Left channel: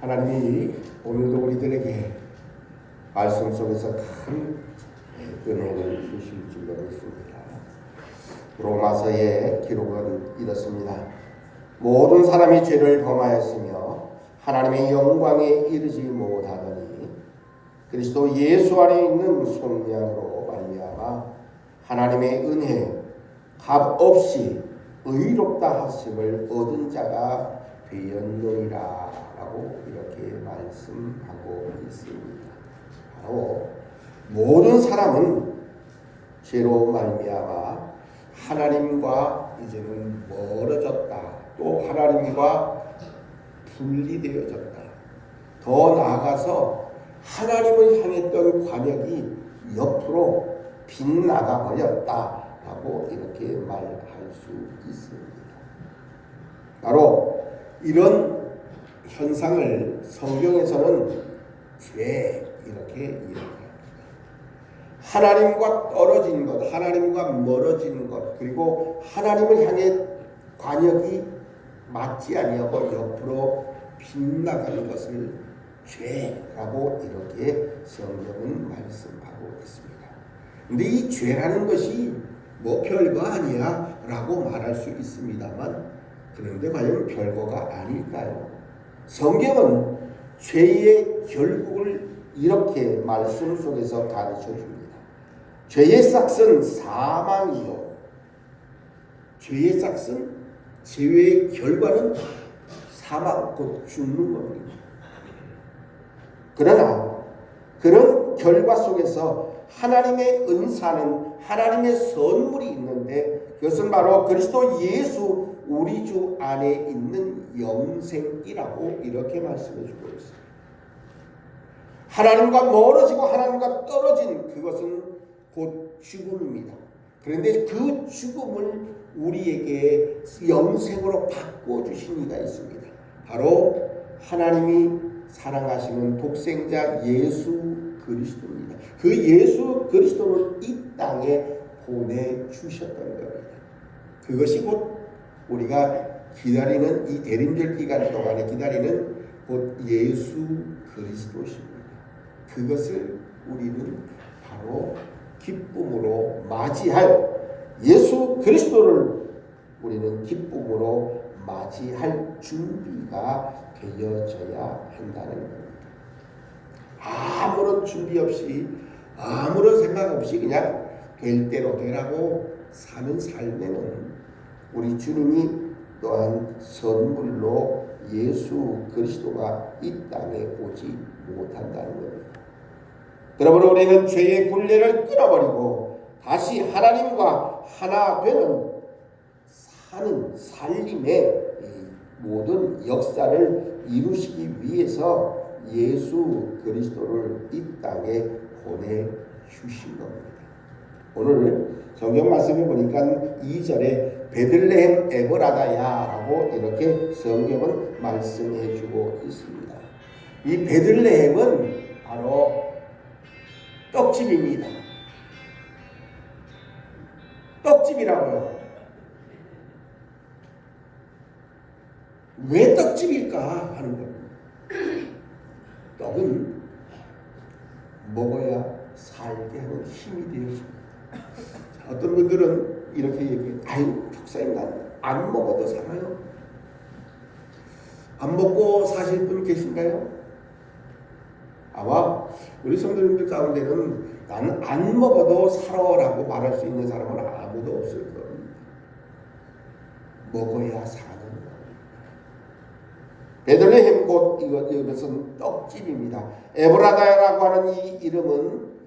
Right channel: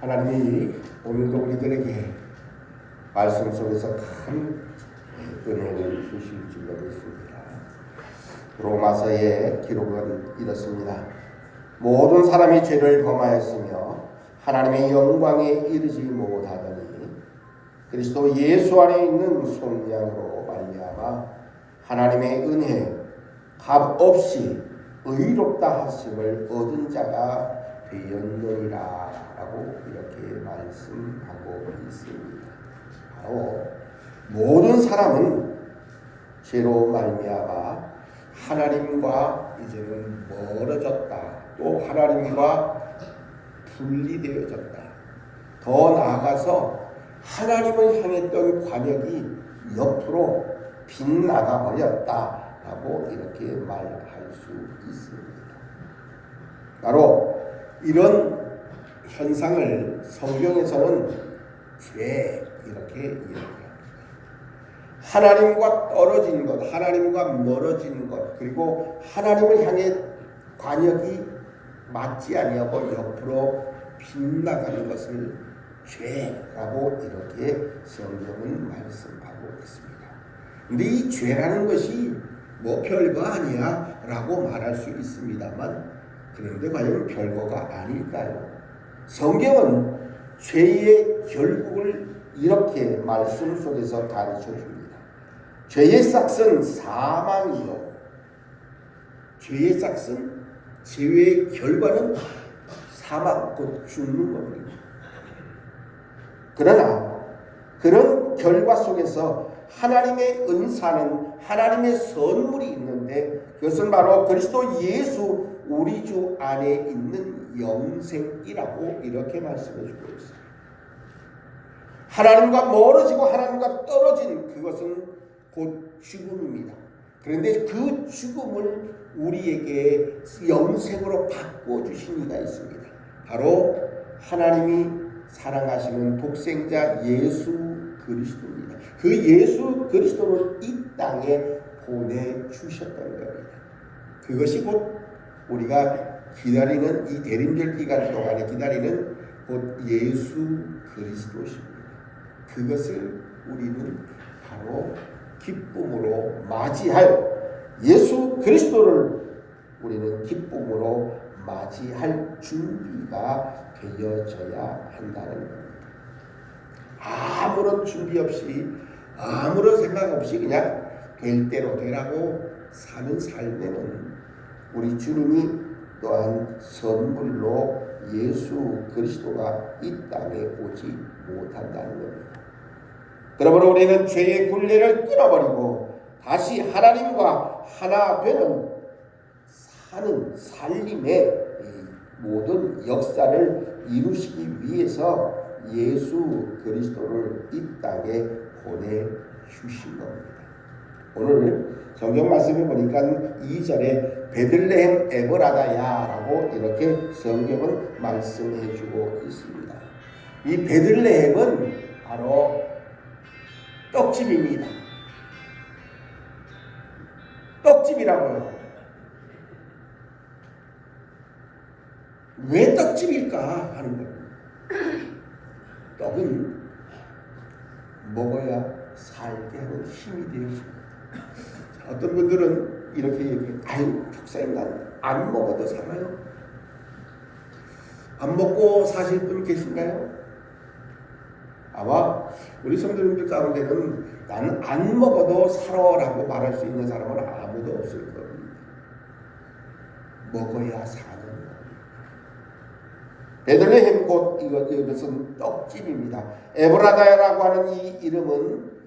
하나님이 오늘도 우리들에게 말씀 속에서 큰 은혜를 주실 줄로 믿습니다. 로마서의 기록은 이렇습니다. 모든 사람이 죄를 범하였으며 하나님의 영광에 이르지 못하더니 그리스도 예수 안에 있는 속량으로 말미암아 하나님의 은혜 값없이 의롭다 하심을 얻은 자가 되었느니라 라고 이렇게 말씀하고 있습니다. 바로 모든 사람은 죄로 말미암아 하나님과 이제는 멀어졌다. 또 하나님과 분리되어졌다. 더 나아가서 하나님을 향했던 관역이 옆으로 빗나가 버렸다라고 이렇게 말할 수 있습니다. 바로 이런 현상을 성경에서는 죄 이렇게 이야기합니다. 하나님과 떨어진 것, 하나님과 멀어진 것, 그리고 하나님을 향해 관역이 맞지 아니하고 옆으로 빗나가는 것을 죄라고 이렇게 성경은 말씀하고 있습니다. 근데 이 죄라는 것이 뭐 별거 아니야 라고 말할 수 있습니다만, 그런데 과연 별거가 아닐까요? 성경은 죄의 결국을 이렇게 말씀 속에서 가르쳐 줍니다. 죄의 싹은 사망이요. 죄의 싹은, 죄의 결과는 사망, 곧 죽는 겁니다. 그러나 그런 결과 속에서 하나님의 은사는, 하나님의 선물이 있는데 그것은 바로 그리스도 예수 우리 주 안에 있는 영생이라고 이렇게 말씀해 주고 있습니다. 하나님과 멀어지고 하나님과 떨어진 그것은 곧 죽음입니다. 그런데 그 죽음을 우리에게 영생으로 바꿔주신 이가 있습니다. 바로 하나님이 사랑하시는 독생자 예수 그리스도입니다. 그 예수 그리스도를 이 땅에 보내주셨던 겁니다. 그것이 곧 우리가 기다리는 이 대림절 기간 동안에 기다리는 곧 예수 그리스도십니다. 그것을 우리는 바로 기쁨으로 맞이할, 예수 그리스도를 우리는 기쁨으로 맞이할 준비가 되어져야 한다는 겁니다. 아무런 준비 없이, 아무런 생각 없이 그냥 될 대로 되라고 사는 삶에는 우리 주님이 또한 선물로 예수 그리스도가 이 땅에 오지 못한다는 겁니다. 그러므로 우리는 죄의 굴레를 끊어버리고 다시 하나님과 하나 되는 사는 삶의 모든 역사를 이루시기 위해서 예수 그리스도를 이 땅에 보내주신 겁니다. 오늘 성경 말씀을 보니까 2절에 베들레헴 에브라다야라고 이렇게 성경은 말씀해 주고 있습니다. 이 베들레헴은 바로 떡집입니다. 떡집이라고요. 왜 떡집일까 하는 겁니다. 떡은 먹어야 살게 하는 힘이 되었습니다. 어떤 분들은 이렇게 얘기해요. 아유, 목사님, 난 안 먹어도 살아요. 안 먹고 사실 분 계신가요? 아마 우리 성도님들 가운데는 난 안 먹어도 살아라고 말할 수 있는 사람은 아무도 없을 겁니다. 먹어야 사는 겁니다. 베들레헴 곧 이것은 떡집입니다. 에브라다라고 하는 이 이름은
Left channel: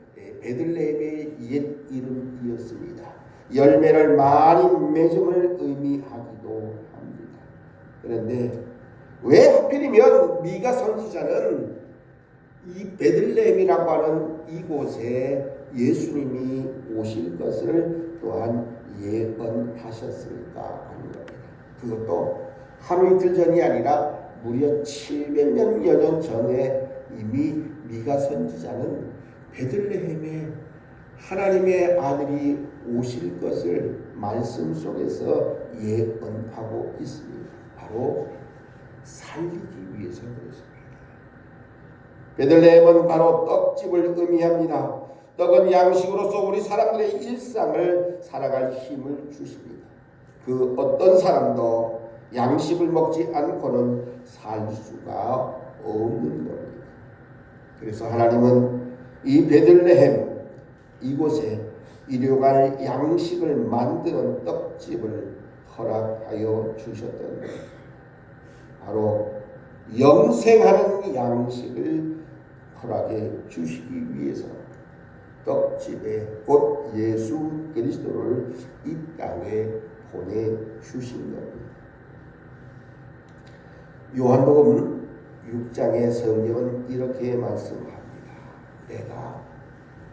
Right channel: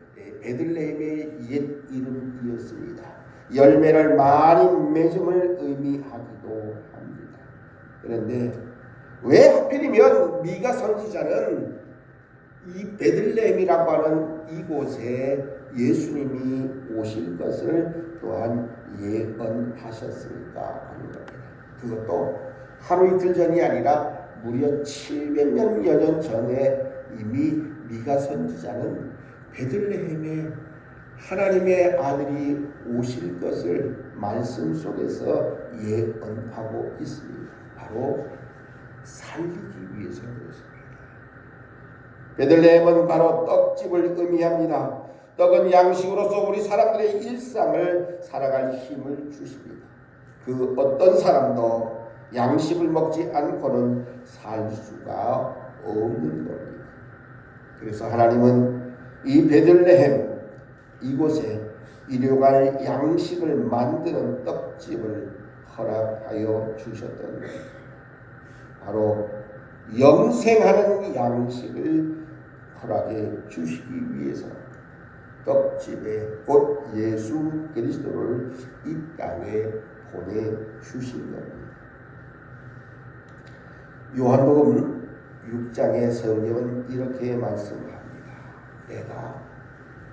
베들레헴의 옛 이름이었습니다. 열매를 많이 맺음을 의미하기도 합니다. 그런데 왜 하필이면 미가 선지자는 이 베들레헴이라고 하는 이곳에 예수님이 오실 것을 또한 예언하셨을까 하는 겁니다. 그것도 하루 이틀 전이 아니라 무려 700여 년 전에 이미 미가 선지자는 베들레헴에 하나님의 아들이 오실 것을 말씀 속에서 예언하고 있습니다. 바로 살리기 위해서 그렇습니다. 베들레헴은 바로 떡집을 의미합니다. 떡은 양식으로서 우리 사람들의 일상을 살아갈 힘을 주십니다. 그 어떤 사람도 양식을 먹지 않고는 살 수가 없는 겁니다. 그래서 하나님은 이 베들레헴 이곳에 일용할 양식을 만드는 떡집을 허락하여 주셨던 겁니다. 바로 영생하는 양식을 허락해 주시기 위해서 떡집에 곧 예수 그리스도를 이 땅에 보내주신 겁니다. 요한복음 6장의 성경은 이렇게 말씀합니다. 내가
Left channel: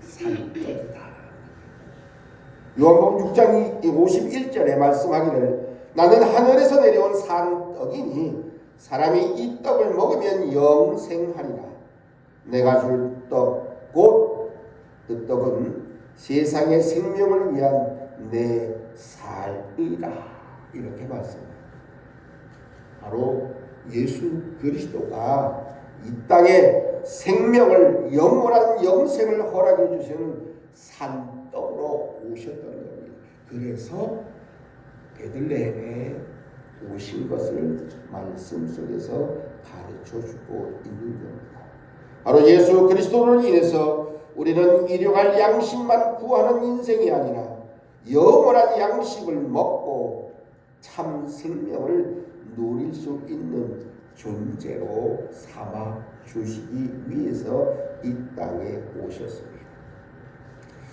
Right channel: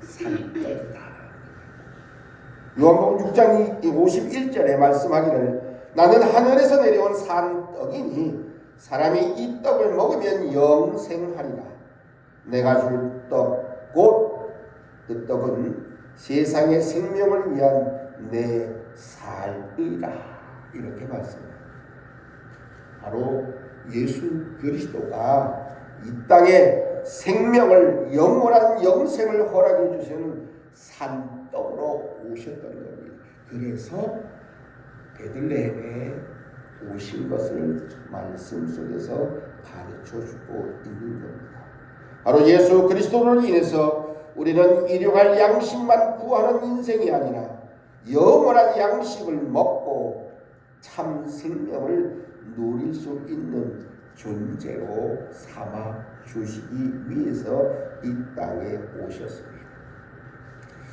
산떡이다. 요한복음 6장 51절에 말씀하기를 나는 하늘에서 내려온 산떡이니 사람이 이 떡을 먹으면 영생하리라. 내가 줄 떡 곧 그 떡은 세상의 생명을 위한 내 살이라. 이렇게 말씀합니다. 바로 예수 그리스도가 이 땅에 생명을 영원한 영생을 허락해 주시는 산떡으로 오셨던 겁니다. 그래서 베들레헴에 오신 것을 말씀 속에서 가르쳐 주고 있는 겁니다. 바로 예수 그리스도를 인해서 우리는 일용할 양식만 구하는 인생이 아니라 영원한 양식을 먹고 참 생명을 누릴 수 있는 존재로 삼아 주시기 위해서 이 땅에 오셨습니다.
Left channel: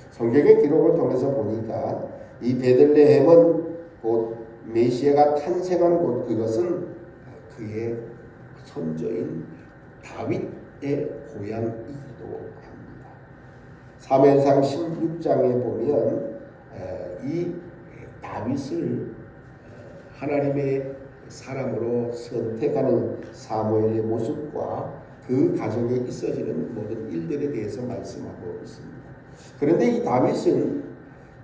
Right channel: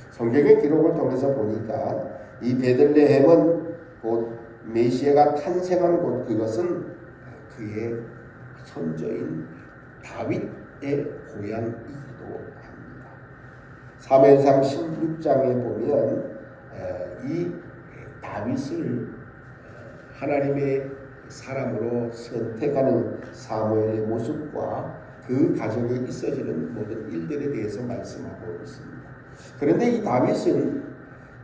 성경의 기록을 통해서 보니까 이 베들레헴은 곧 메시아가 탄생한 곳, 그것은 그의 선조인 다윗의 고향이기도 합니다. 사무엘상 16장에 보면 이 다윗을 하나님의 사람으로 선택하는 사무엘의 모습과 그 가정에 있어지는 모든 일들에 대해서 말씀하고 있습니다. 그런데 이 다윗은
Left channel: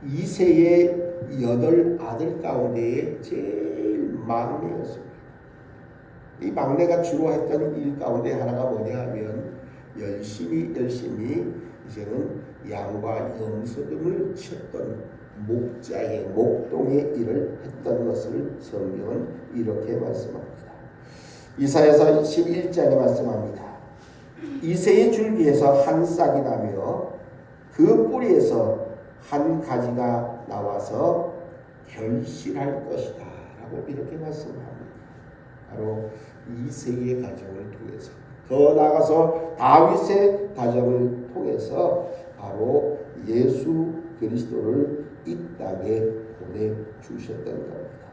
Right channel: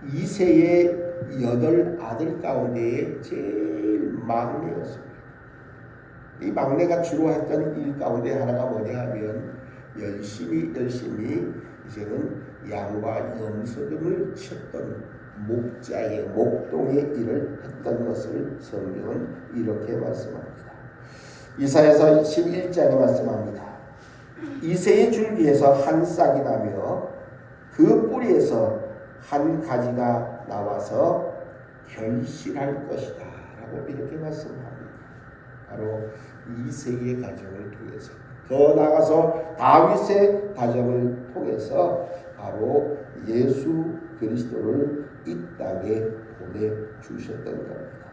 이새의 8아들 가운데 제일 막내였습니다. 이 막내가 주로 했던 일 가운데 하나가 뭐냐 하면 열심히 이제는 양과 염소 등을 쳤던 목자의 목동의 일을 했던 것을 성경은 이렇게 말씀합니다. 이사야서 11장에 말씀합니다. 이새의 줄기에서 한 싹이 나며 그 뿌리에서 한 가지가 나와서 결실할 것이다 라고 이렇게 말씀합니다. 바로 이새의 가정을 통해서, 더 나아가서 다윗의 가정을 통해서 바로 예수 그리스도를 이 땅에 보내주셨던 겁니다.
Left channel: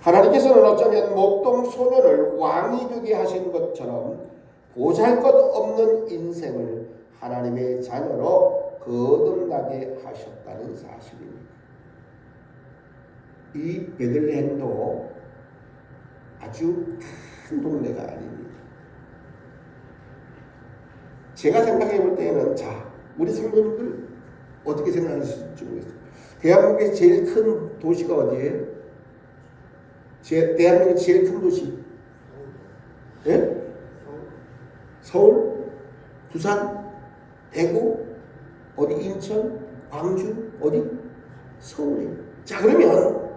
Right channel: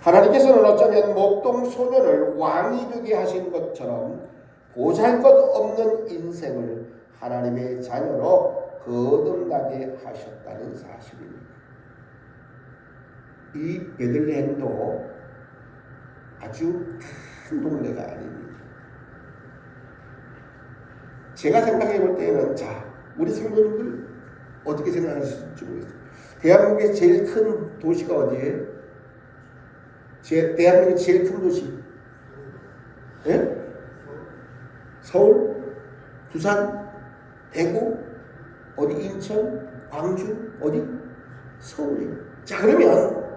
하나님께서는 어쩌면 목동 소년을 왕이 되게 하신 것처럼 보잘것없는 인생을 하나님의 자녀로 거듭나게 하셨다는 사실입니다. 이 베들레헴도 아주 큰 동네가 아닙니다. 제가 생각해 볼 때는, 우리 성도님들 어떻게 생각하실지 모르겠어요. 대한민국의 제일 큰 도시가 어디예요? 대한민국의 제일 큰 도시? 예? 서울? 부산? 대구? 어디? 인천? 광주? 어디? 서울이에요. 자, 그러면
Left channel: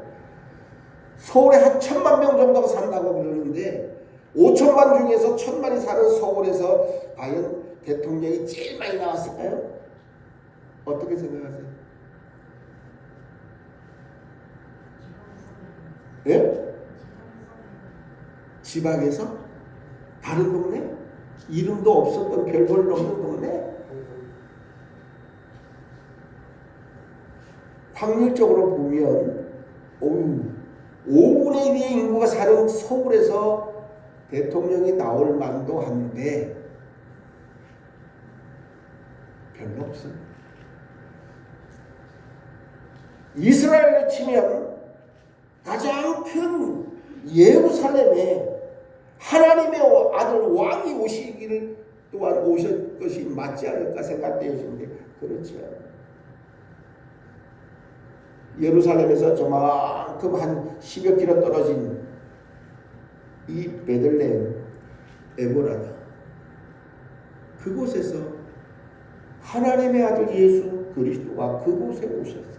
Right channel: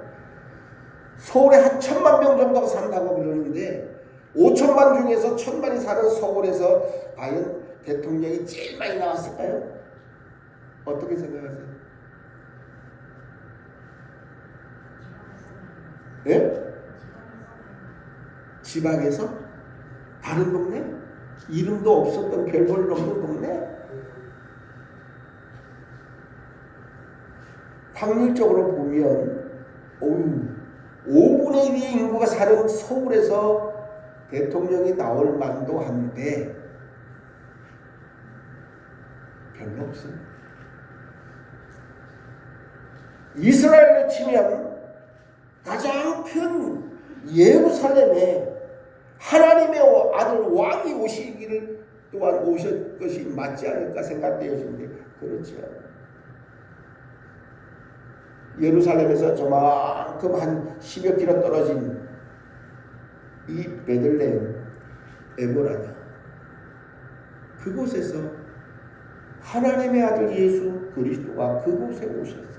서울에 한 1000만 명 정도가 산다고 그러는데 5천만 중에서 1000만이 사는 서울에서 과연 대통령이 제일 많이 나왔을까요? 어떻게 생각하세요? 예? 지방에서? 다른 동네? 이름도 없었던 별볼일 없는 동네? 확률적으로 보면 5분의 1의 인구가 사는 서울에서 대통령이 나올 만도 한데 별로 없어요. 이스라엘로 치면 가장 큰 예루살렘에 하나님의 아들 왕이 오시기를 또한 오실 것이 맞지 않을까 생각되어지는데 그렇지 않아요. 예루살렘에서 저만큼 한 10여 킬로 떨어진 이 베들레헴 에브라다, 그곳에서 하나님의 아들 예수 그리스도가 그곳에 오셨어요.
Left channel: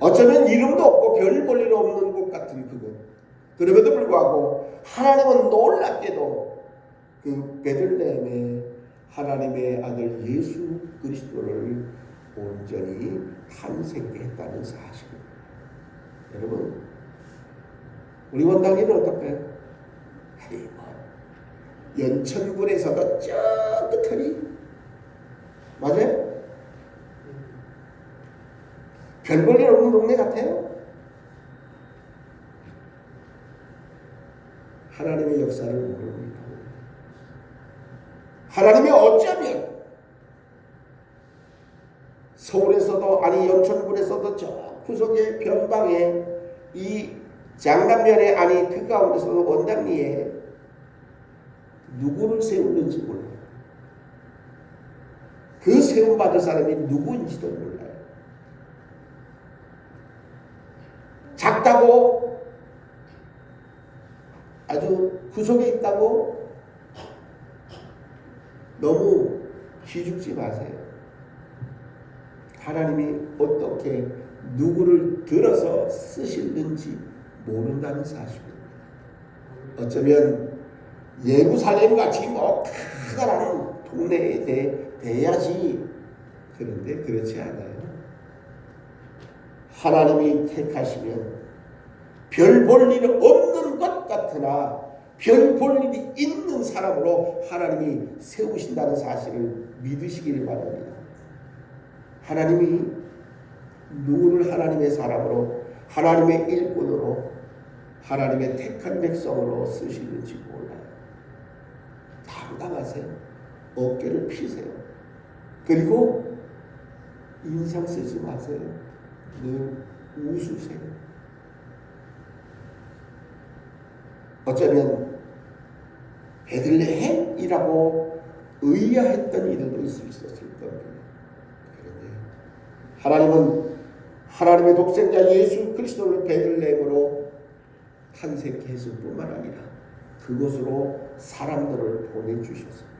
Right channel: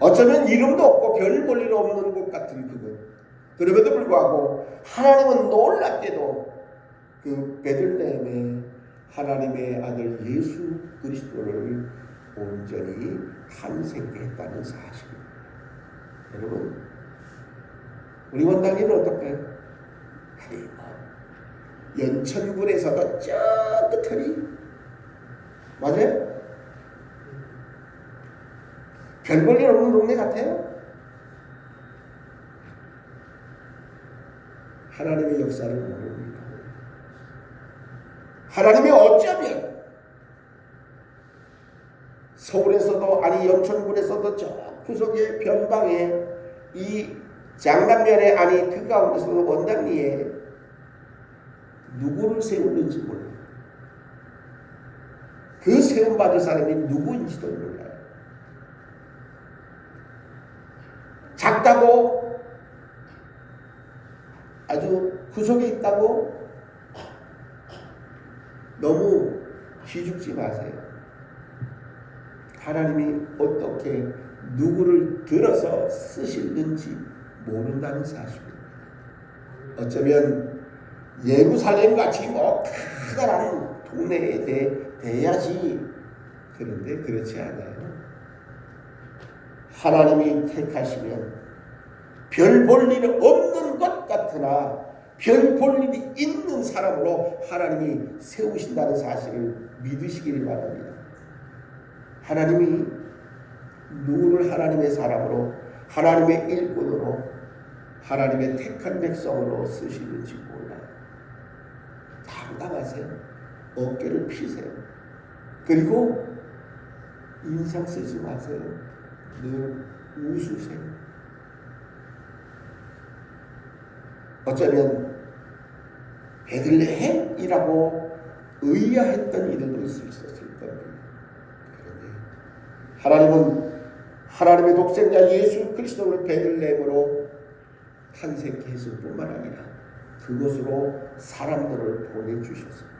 어쩌면 이름도 없고 별 볼 일 없는 곳 같은 그곳. 그럼에도 불구하고 하나님은 놀랍게도 그 베들레헴에 하나님의 아들 예수 그리스도를 온전히 탄생케 했다는 사실입니다. 여러분, 우리 원당리는 어떨까요? 아니, 연천군에서도 저 끝터리 맞아요? 별 볼 일 없는 동네 같아요? 하나님의 역사를 모릅니다. 하나님이 어쩌면 서울에서도 아니 연천군에서도 저 구석의 변방에 이 장남면에 아니 그 가운데서도 원당리에 누구를 세우는지 몰라요. 그 세움받을 사람이 누구인지도 몰라요. 작다고 아주 구석에 있다고 너무 기죽지 마세요. 하나님이 어떻게 누구를 들어서 쓰시는지 모른다는 사실입니다. 어쩌면 예루살렘 같이 뭐 커다란 동네에 돼야지. 그런데 그렇지 않아요. 하나님이 택하시면 별 볼 일 없는 것 같으나 별 볼 일이 있는 사람으로 하나님이 세우신다는 사실을 믿으시기를 바랍니다. 하나님이 누구를 하나님의 사람으로, 하나님의 일꾼으로, 하나님의 택한 백성으로 쓰시는지 몰라요. 당당하세요. 어깨를 피세요. 그리고 인상 쓰지 마세요. 늘 웃으세요. 어쩌면 베들레헴이라고 의아했던 이들도 있었을 겁니다. 그런데 하나님은 하나님의 독생자 예수 그리스도를 베들레헴으로 탄생케 했을 뿐만 아니라 그곳으로 사람들을 보내주셨습니다.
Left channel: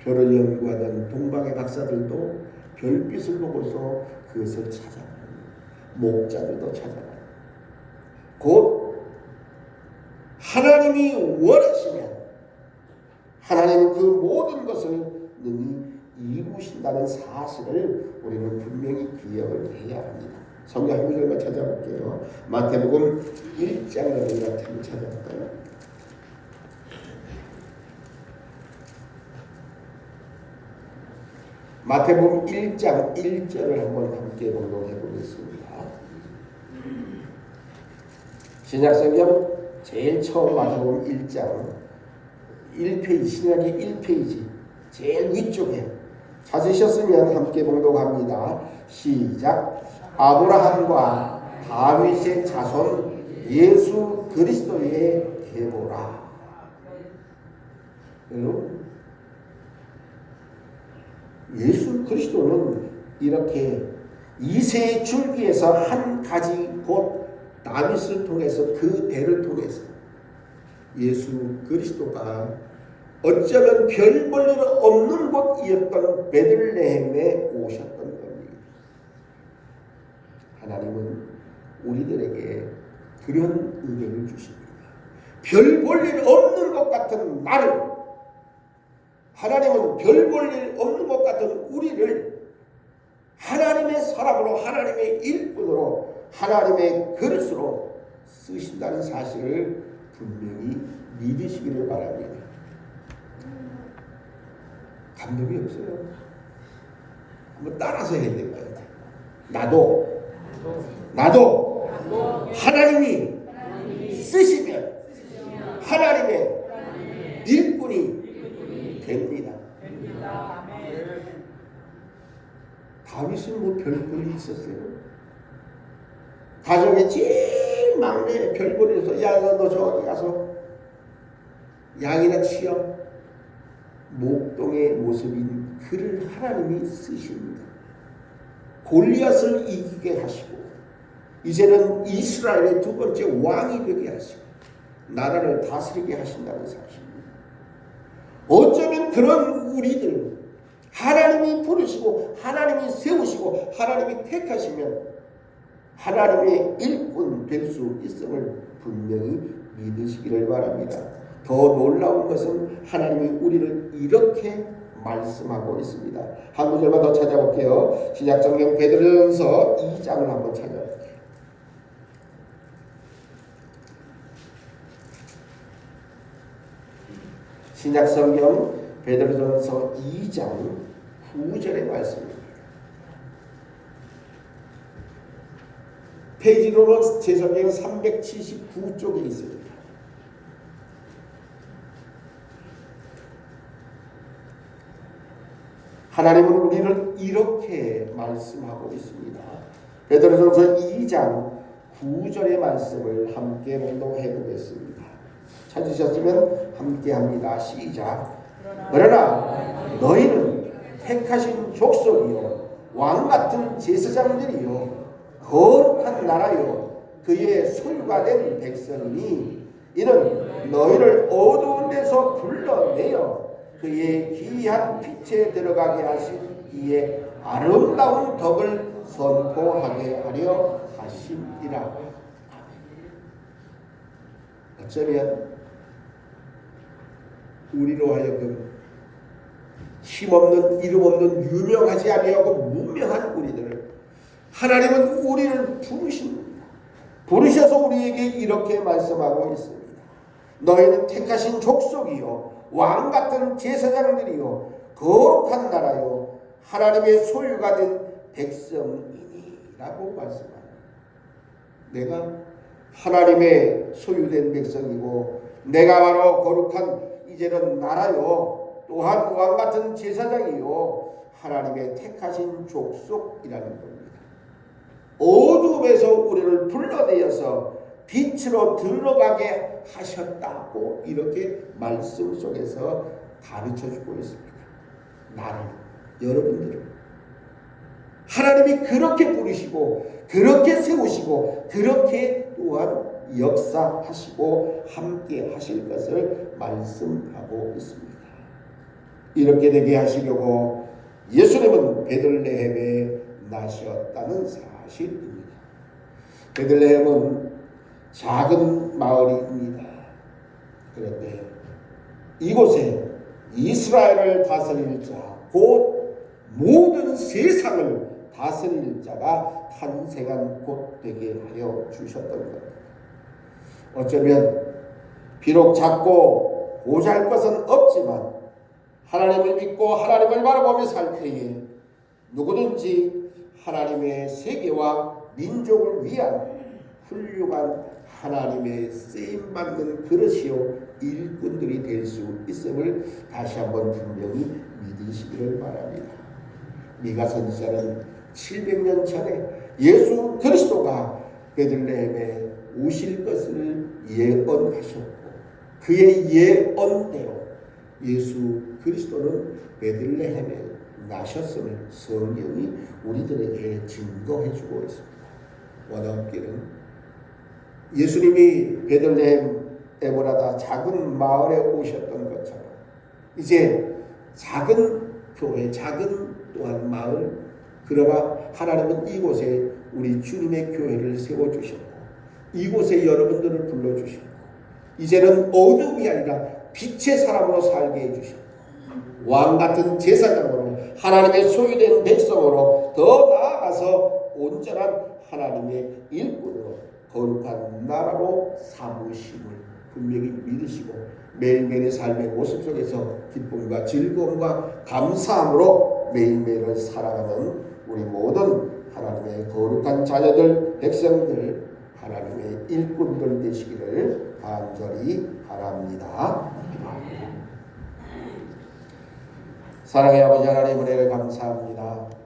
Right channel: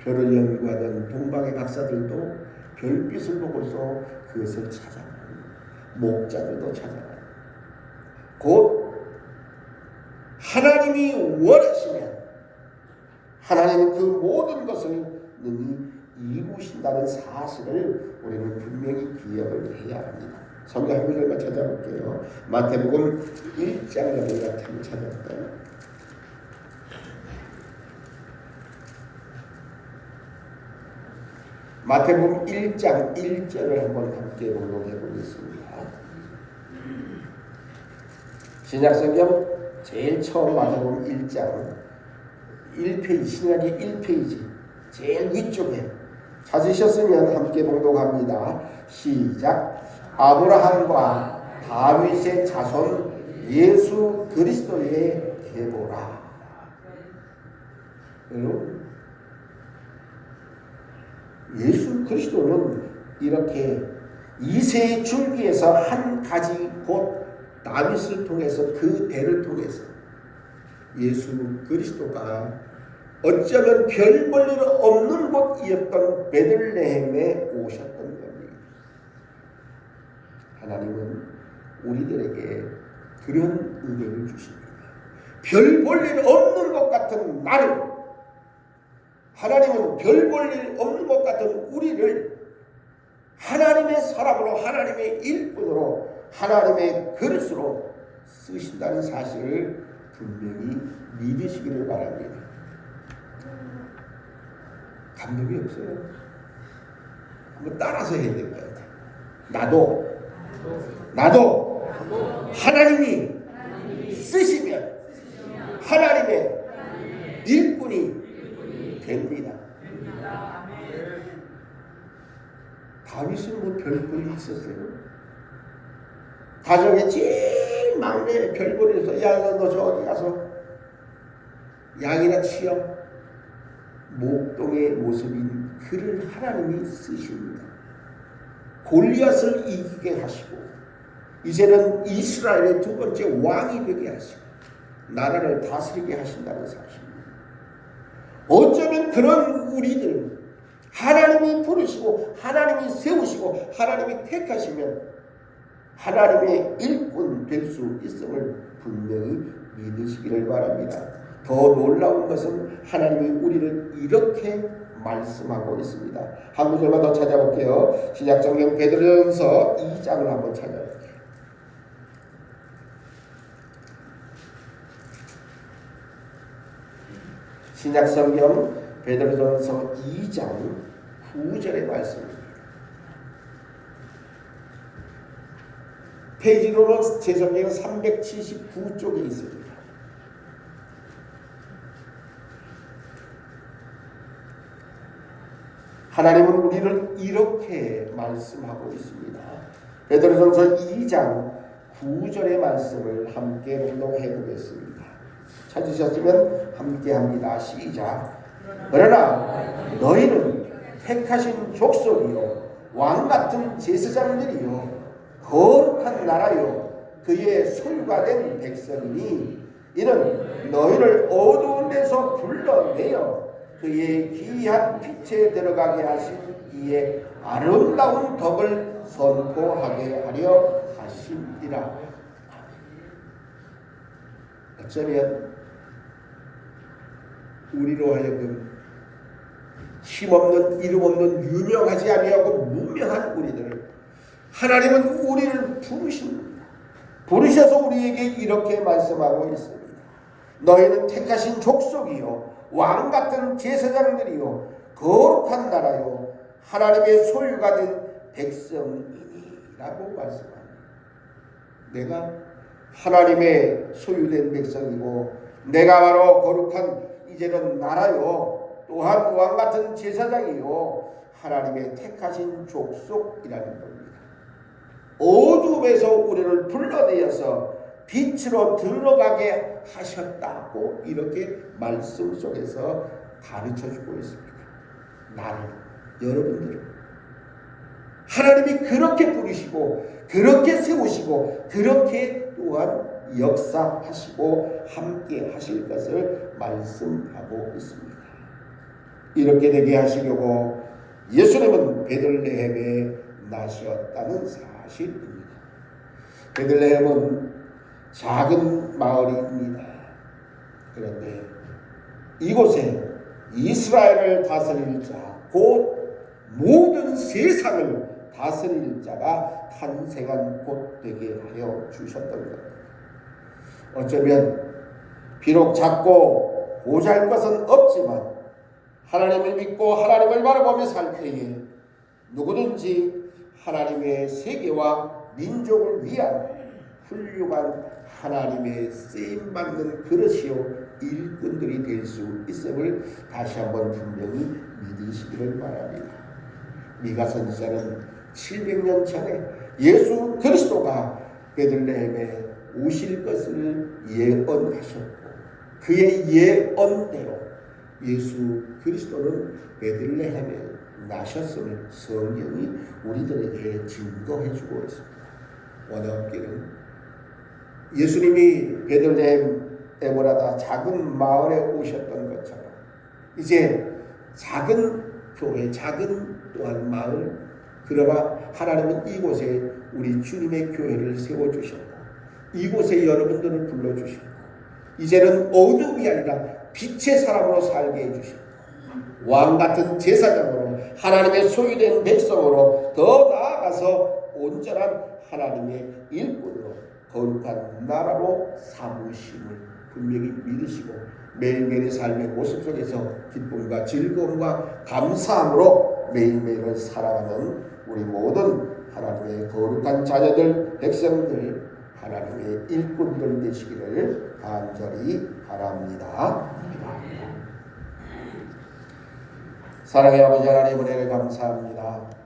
별을 연구하던 동방의 박사들도 별빛을 보고서 그것을 찾아갑니다. 목자들도 찾아갑니다. 곧 하나님이 원하시면 하나님은 그 모든 것을 능히 이루신다는 사실을 우리는 분명히 기억을 해야 합니다. 성경 한 구절만 찾아볼게요. 마태복음 1장을 한번 찾아볼까요? 마태복음 1장 1절을 한번 함께 공독해 보겠습니다. 신약성경 제일 처음 마태복음 1장 1페이지, 신약이 1페이지 제일 위쪽에 찾으셨으면 함께 봉독합니다. 시작. 아브라함과 다윗의 자손 예수 그리스도의 계보라. 여러분, 예수 그리스도는 이렇게 이세의 줄기에서 한 가지 곧 다윗을 통해서 그 대를 통해서 예수 그리스도가 어쩌면 별 볼 일 없는 곳이었던 베들레헴에 오셨던 겁니다. 하나님은 우리들에게 그런 은혜를 주십니다. 별 볼 일 없는 것 같은 나를, 하나님은 별 볼 일 없는 것 같은 우리를 하나님의 사람으로, 하나님의 일꾼으로, 하나님의 그릇으로 쓰신다는 사실을 분명히 믿으시기를 바랍니다. 감동이 없어요. 한번 따라서 해야 될 것 같아요. 나도 하나님이 쓰시면 하나님의 일꾼이 됩니다. 다윗은 뭐 별볼이 있었어요? 가정의 제일 막내 별볼이어서 야, 너 저기 가서 양이나 치어. 목동의 모습인 그를 하나님이 쓰십니다. 골리앗을 이기게 하시고 이제는 이스라엘의 두 번째 왕이 되게 하시고 나라를 다스리게 하신다는 사실입니다. 그런 우리들 하나님이 부르시고 하나님이 세우시고 하나님이 택하시면 하나님의 일꾼 될 수 있음을 분명히 믿으시기를 바랍니다. 더 놀라운 것은 하나님이 우리를 이렇게 말씀하고 있습니다. 한 구절만 더 찾아볼게요. 신약성경 베드로전서 2장을 한번 찾아볼게요. 신약성경 베드로전서 2장 9절의 말씀입니다. 페이지로는 제 성경 379쪽에 있습니다. 하나님은 우리를 이렇게 말씀하고 있습니다. 베드로전서 2장 9절의 말씀을 함께 낭독해 보겠습니다. 찾으셨으면 함께 합니다. 시작. 그러나 너희는 택하신 족속이요 왕같은 제사장들이요 거룩한 나라요 그의 소유가 된 백성이니 이는 너희를 어두운 데서 불러내어 그의 기이한 빛에 들어가게 하신 이의 아름다운 덕을 선포하게 하려 하심이라. 어쩌면 우리로 하여금 힘없는 이름 없는 유명하지 아니하고 무명한 우리들을 하나님은 우리를 부르십니다. 부르셔서 우리에게 이렇게 말씀하고 있습니다. 너희는 택하신 족속이요 왕같은 제사장들이요 거룩한 나라요 하나님의 소유가 된 백성이니라고 말씀합니다. 내가 하나님의 소유된 백성이고 내가 바로 거룩한 이제는 나라요 또한 왕같은 제사장이요 하나님의 택하신 족속이라는 겁니다. 어둠에서 우리를 불러내어서 빛으로 들어가게 하셨다고 이렇게 말씀 속에서 가르쳐주고 있습니다. 나를, 여러분들을 하나님이 그렇게 부르시고 그렇게 세우시고 그렇게 또한 역사하시고 함께 하실 것을 말씀하고 있습니다. 이렇게 되게 하시려고 예수님은 베들레헴에 나셨다는 사실입니다. 베들레헴은 작은 마을입니다. 그런데 이곳에 이스라엘을 다스릴 자, 곧 모든 세상을 다스릴 자가 탄생한 곳 되게 하여 주셨던 겁니다. 어쩌면 비록 작고 보잘것은 없지만 하나님을 믿고 하나님을 바라보며 살 때에 누구든지 하나님의 세계와 민족을 위한 훌륭한 하나님의 쓰임받는 그릇이요 일꾼들이 될 수 있음을 다시 한번 분명히 믿으시기를 바랍니다. 미가 선지자는 700년 전에 예수 그리스도가 베들레헴에 오실 것을 예언하셨고 그의 예언대로 예수 그리스도는 베들레헴에 나셨음을 성경이 우리들에게 증거해주고 있습니다. 원어기는 예수님이 베들레헴 에보라다 작은 마을에 오셨던 것처럼 이제 작은 교회, 작은 또한 마을, 그러나 하나님은 이곳에 우리 주님의 교회를 세워주셨고 이곳에 여러분들을 불러주셨고 이제는 어둠이 아니라 빛의 사람으로 살게 해주셨고 왕같은 제사장으로 하나님의 소유된 백성으로 더 나아가서 온전한 하나님의 일꾼으로 거룩한 나라로 삼으심을 분명히 믿으시고 매일매일의 삶의 모습 속에서 기쁨과 즐거움과 감사함으로 매일매일을 살아가는 우리 모든 하나님의 거룩한 자녀들, 백성들, 하나님의 일꾼들 되시기를 간절히 바랍니다. 사랑의 아버지 하나님 은혜를 감사합니다.